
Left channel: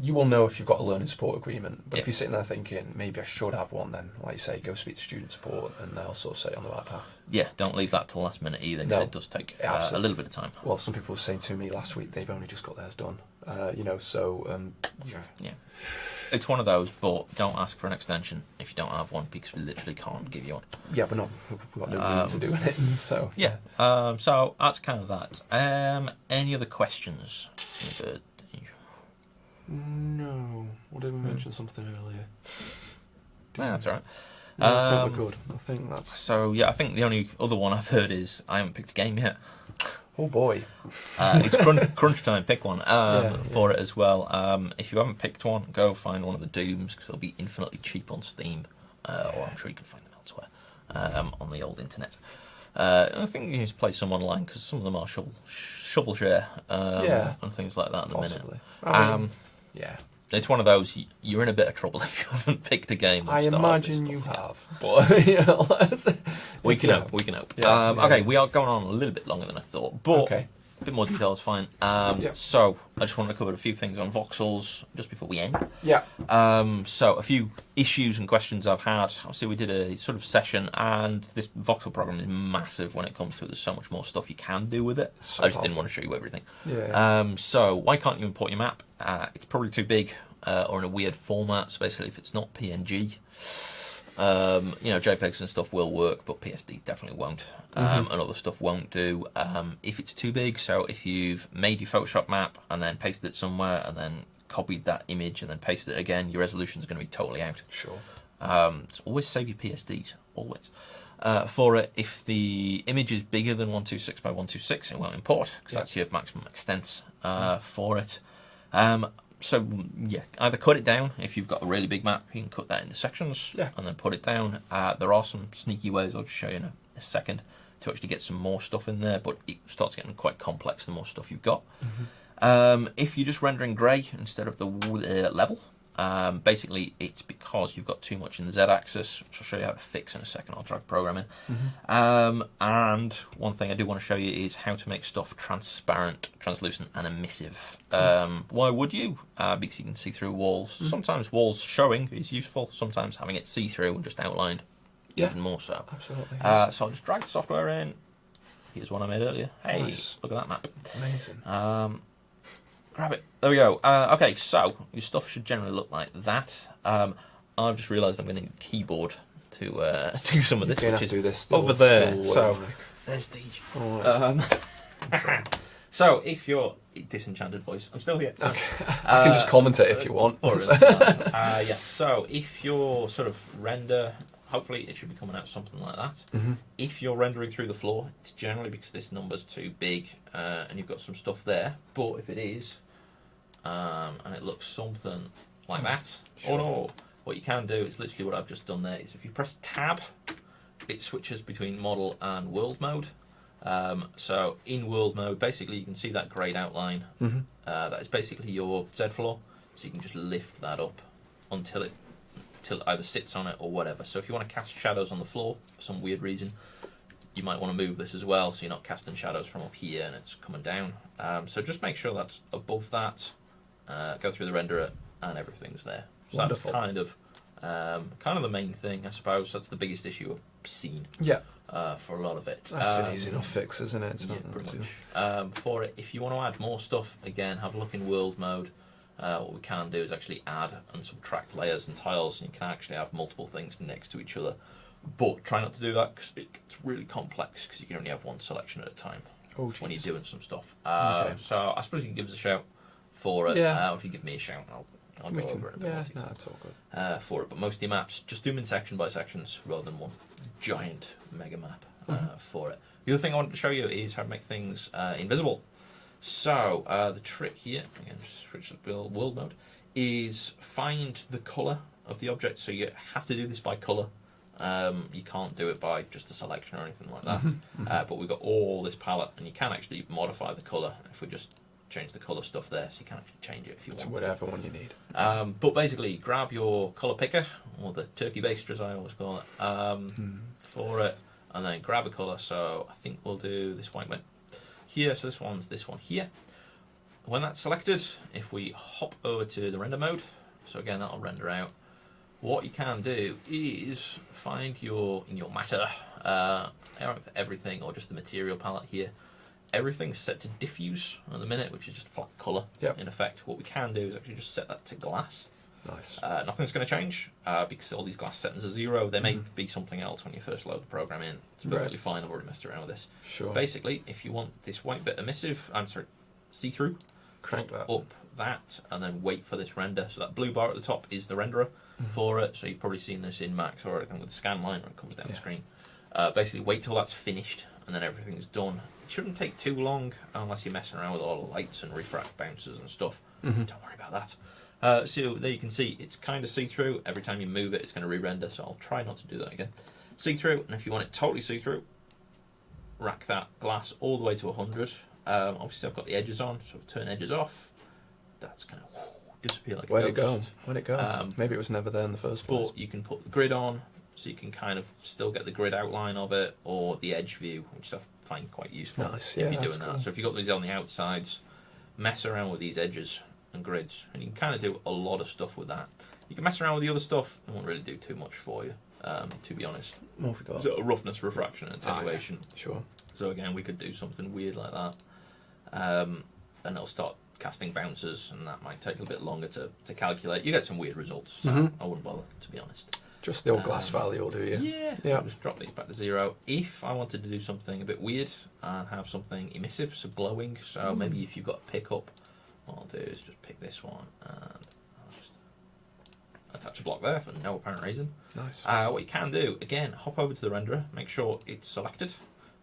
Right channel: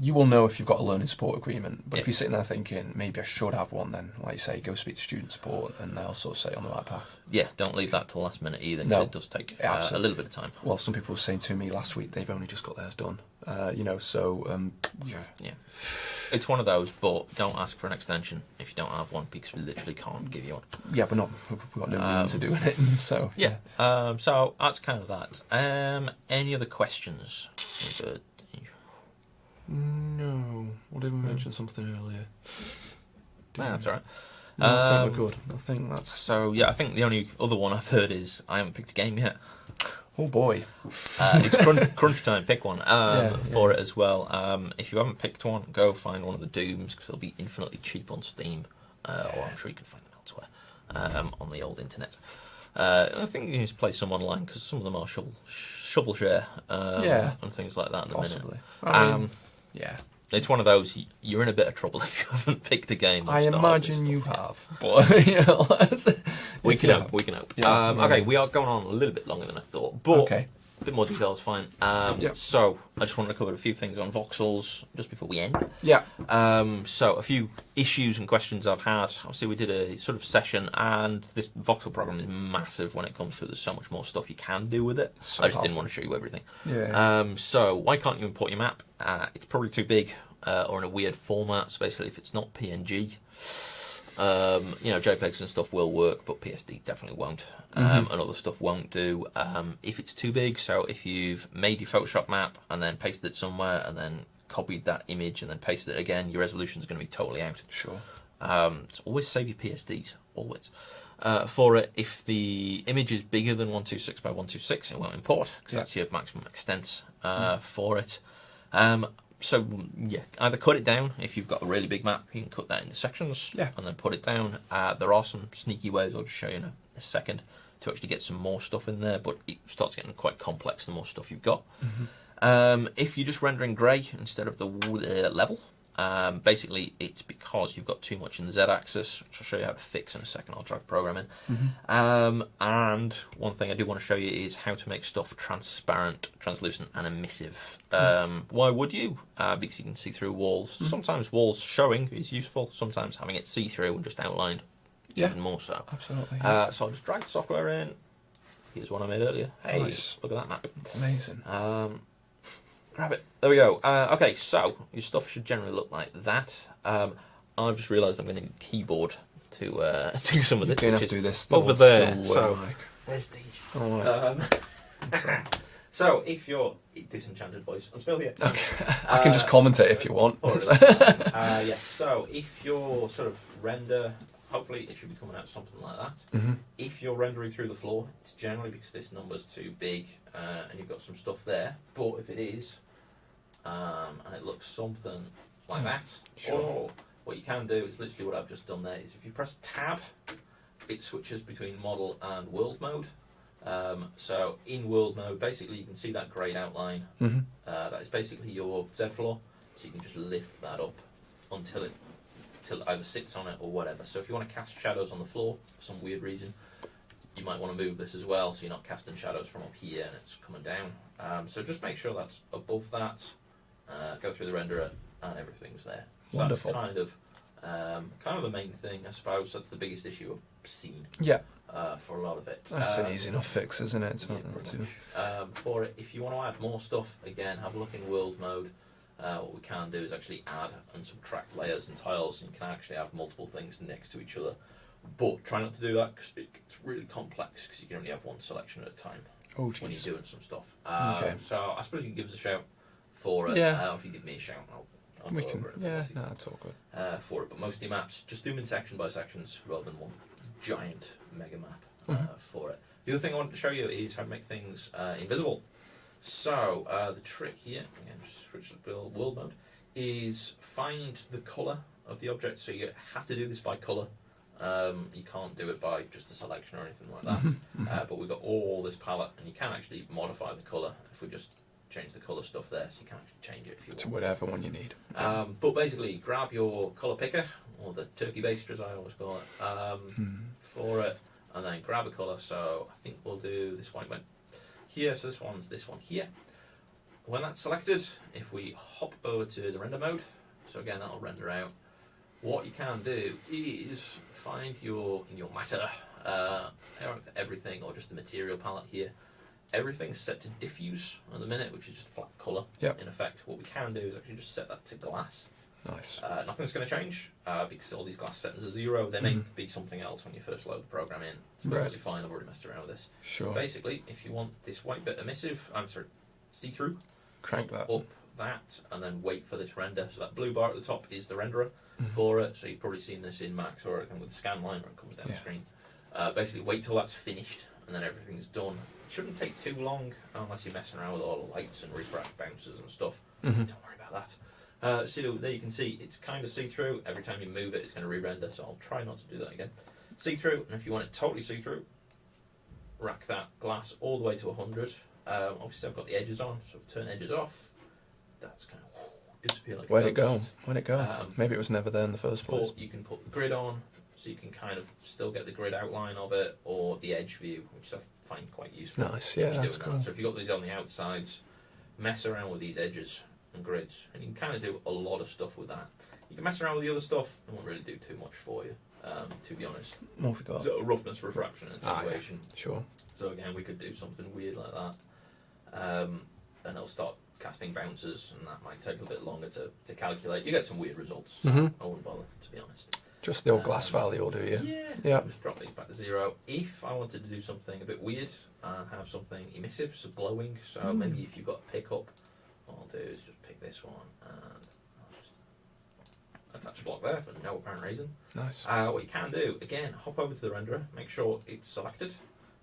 you will know if you've got a learning support agreement. But if you're sitting there thinking, maybe I should have one, then, like you say, go speak to student support and they'll sort of set you on the right path. Yeah, don't leave that till last minute either, because it does take a little bit of time. Well, some people were saying to me last week they've only just got theirs done. It's one of those, but don't ask for an extension if you don't have one, because we literally can't give you one. Yeah, but we've got no means of doing it, so... Yeah, so that's kind of that. Any other questions? No. Well, did we mention something earlier? That's all right. No, I think we're good. I think that's... So, yeah, I think the only other one I've heard is I haven't picked a game yet. Oh, boy. It's crunch time, pick one for it as well. If you haven't picked one, go find one of the Dooms, because they'll be infinitely cheap on Steam, or I'm sure you can find them elsewhere on the old internet. I think you can just play some online, because some of them are shovel share and things like that at the minute. Yeah. It's one of those, you're in a bit of trouble if you haven't picked a game. I imagine you have, but you know, we can help. Okay, we are going on a little bit longer than I thought, but a bit more detail is fine. So I just want to cover a few things on voxels just before we end. So a few issues and questions I've had. Obviously, we did a sort of session, and this voxel program is massive when it comes to it. There's so much more stuff you can do with it. I just didn't want to show you everything. So why can't you import your map? It's probably too big or in a weird format. So basically, if it's not PNG, JPEGs and stuff will work, but PSD definitely won't, and other stuff won't do. If it's too big, so if you've made your Photoshop map and then pasted it somewhere and then copied that image and then pasted it again, your resolution is going to be totally out. Sure. So always save your PSDs, always. For it, if the image is bigger than 126 by 126, it won't import, because that's your maximum extent for it. So, either cut it down. If you've got a really big map, you can cut that into sections and then put it down. There are some sneaky ways I'll just show you in a second to actually get some more stuff in there, but it starts getting quite complex the more stuff you've got. If you're just rendering grey instead of the level, basically it's because you've got too much in the Z-axis, which I'll show you how to fix in a second. I'll drag the program in. And one thing I do want to show you is how to make stuff transparent, translucent and emissive. Why would you? Because you can see through walls. Sometimes walls showing is useful, sometimes having it see-through and just outlined even more so. Absolutely. So I'll just drag the software in. Here's one I made earlier. Hey, nice. Look at that map. Amazing. Grab it. There we go. Okay, so your stuff should generally look like that. I've just realised I'm going to need a keyboard to do some of this. You're going to have to do this over there. So there's Deej. So if you're disenchanted voice, I'm still here. Okay. I can just commentate if you want. Yes. So if your sort of render, hopefully it should be coming out something like that. If you're rendering through the floor, it's generally because this number's too big and you've got some stuff there. But if it is, and it looks something like that, or what you can do is literally what I've just done there is if you press tab, it switches between model and world mode. So in world mode, basically you can see that greyed outline. That is basically your Z floor, so you can just lift that up until it either sits on it or whatever. So if you want to cast shadows on the floor for some weird reason, you might want to move this as well, so you're not casting shadows from up here and it's coming down. So just make sure that's above that. Go through the renderer and everything's there. So Wonderful. That's kind of the main thing, I suppose. That's the biggest issue I've seen. For a lot of it. That's an easy enough fix, isn't it? It's not too... For it, if you want to add more stuff, again, have a look in world mode. What we can do is actually add and subtract layers and tiles, and you can actually have multiple things next to each other. But try not to do that because it gets really complex because you can only have one selection at a time when you're doing some stuff. So I suppose you can give us a shout for it. Or if you give me a shout, I'll go over it. That's all good. For it, but most of your maps, just do them in section by sections rather than one giant mega map for it. The other thing I wanted to show you is how to make things invisible. So the trick here, again, just switch to world mode, is find the colour of the object, so you have to do this by colour. You can't do it by just a selection or anything like that. But we've got all this palette, and you can actually modify the colour if we just change the colour stuff there, so you can actually change it if you want. To whatever one you need. But basically, grab your colour picker, or the turkey baster as I always call it, for it, and then grab a colour. So I think we'll do this white one here, so this one's this one here. When that's selected, if we hop over to the render mode, so again that'll render out, what you can do is find in your matter, everything, or just the material palette here. Everything's set to diffuse at the minute, which is just flat colour in effect. What we can do is actually just set that to glass. Nice. Nothing's going to change because all these glass settings are 0. They may be something else when you first load the program in. It's perfectly fine. I've already messed around with this. Sure. Basically, if you want this white bit emissive, see-through, crank that up that, and then wait for this render. So that blue bar at the top is the renderer for it. So you've probably seen this in Max or anything with the scan line when it comes down the screen. Basically, wait till that's finished, and then everything's done. It shouldn't take too long unless you're messing around with all the lights and refract bounces and stuff. Don't worry about that. So there you can see it's kind of see-through. Every time you move it, it's going to re-render. So I'll try not to do that again. See-through, and if you want it totally see-through, rack that glass all the way to 100. Obviously, I've got the edges on, so turn edges off. That's going to disappear like a Where'd ghost. it go? Maybe it was never there in the first place. But you can put the grid on, so you can kind of still get the grid outline of it, or the edge view, which I find quite useful Nice, if you're doing cool. that. So if you've got these on the outsides, mess around with these edges and grids, and you can kind of do a lot of stuff with that. You can mess around with the other stuff, it won't really do too much for you, to be honest. What have we got? So roughness, refraction, and attenuation. Sure. So again, we could do something weird like that, and it'll start casting bounces, and that might take a bit longer to calculate. You get some weird results, so I wouldn't bother, to be honest. Just the old glass value will do you. Yeah. Just drop these back to 0. If I wanted to do something a bit weird and have something emissive, so glowing, so maybe if you've got a pickup, what I'll do is just pick this one and I'll just attach a block there for no apparent reason. Nice. What you can do, again, hop over to the renderer, make sure it's selected,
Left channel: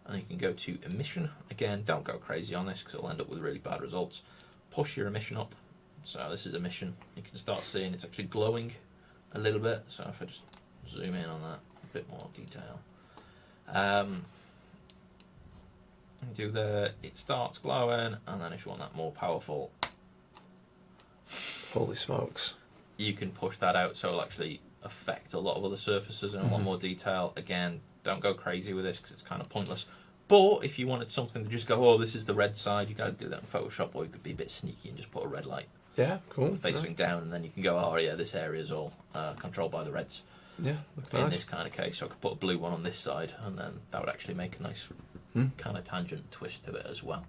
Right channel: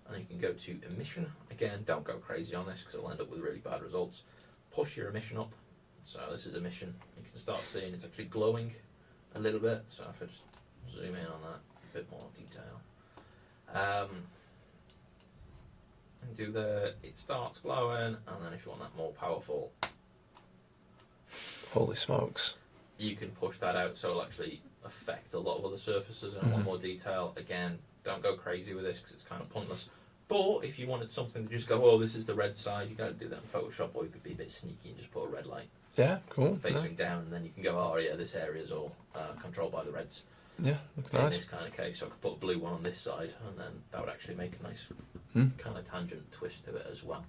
and you can go to emission. Again, don't go crazy on this because it'll end up with really bad results. Push your emission up. So this is emission. You can start seeing it's actually glowing a little bit. So if I just zoom in on that, a bit more detail. It starts glowing, and then if you want that more powerful, holy smokes, you can push that out so it'll actually affect a lot of other surfaces in a lot more detail. Again, don't go crazy with this because it's kind of pointless. But if you wanted something to just go, oh, this is the red side, you can do that in Photoshop, or you could be a bit sneaky and just put a red light facing down, and then you can go, oh yeah, this area is all controlled by the reds. Yeah, looks in nice. this kind of case, so I could put a blue one on this side, and then that would actually make a nice kind of tangent twist to it as well.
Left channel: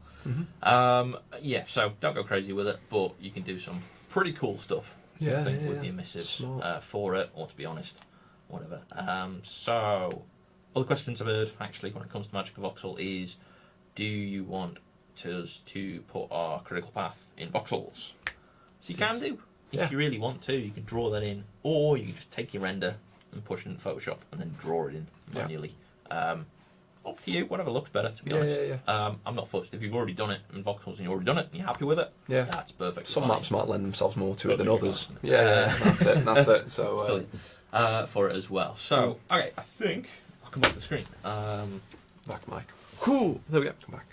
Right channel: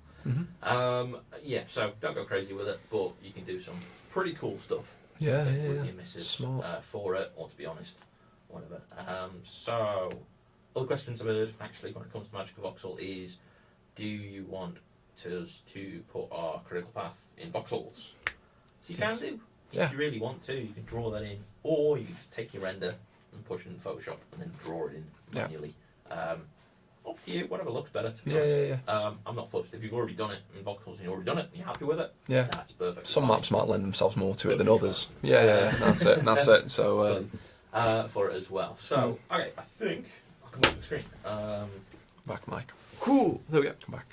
Yeah, so don't go crazy with it, but you can do some pretty cool stuff with the emissives for it, or to be honest, whatever. So, other questions I've heard, actually, when it comes to MagicVoxel is, do you want us to put our critical path in voxels? So you can do. If you really want to, you can draw that in, or you can just take your render and push it in Photoshop and then draw it in manually. Up to you, whatever looks better, to be honest. I'm not fussed. If you've already done it in voxels and you've already done it and you're happy with it, that's perfect. Some maps might lend themselves more to it than others. That's it. So for it as well. So, okay, I think I'll come back to the screen. Back, Mike. Cool. There we go. Come back.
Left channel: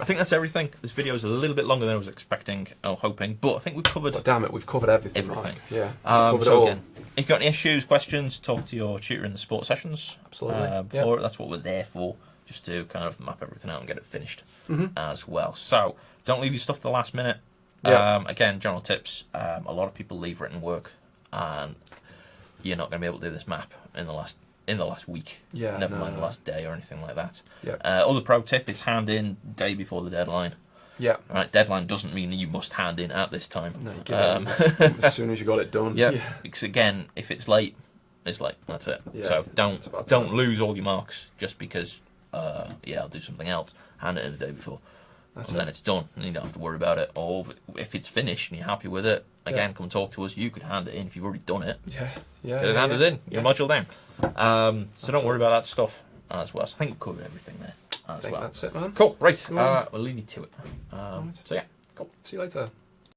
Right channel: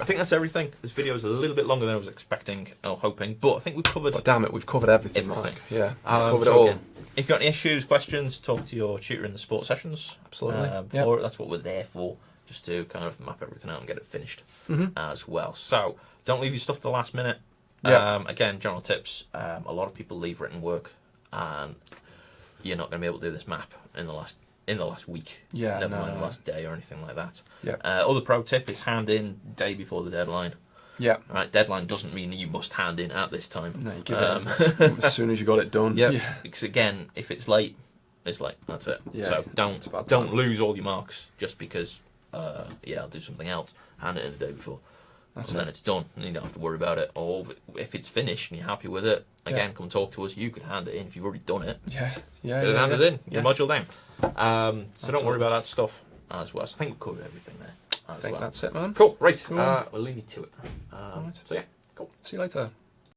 I think that's everything. This video is a little bit longer than I was expecting or hoping, but I think we've covered. But damn it, we've covered everything. Mike. Yeah, we've covered so it all. Again, if you've got any issues, questions, talk to your tutor in the support sessions. Absolutely. That's what we're there for, just to kind of map everything out and get it finished as well. So don't leave your stuff to the last minute. Again, general tips. A lot of people leave written work, and you're not going to be able to do this map in the last week. Never mind the last day or anything like that. Other pro tip is hand in day before the deadline. Right, deadline doesn't mean you must hand in at this time. No, you give it as soon as you got it done. Because again, if it's late, it's late. That's it. So don't lose all your marks just because I'll do something else. Hand it in the day before. Then it's done, and you don't have to worry about it. Or if it's finished and you're happy with it, again, come talk to us. You can hand it in if you've already done it. Hand it in. Your module down. So don't worry about that stuff as well. So I think we've covered everything there. I think that's it, man. Cool. Right. We'll leave you to it. So yeah, cool. See you later.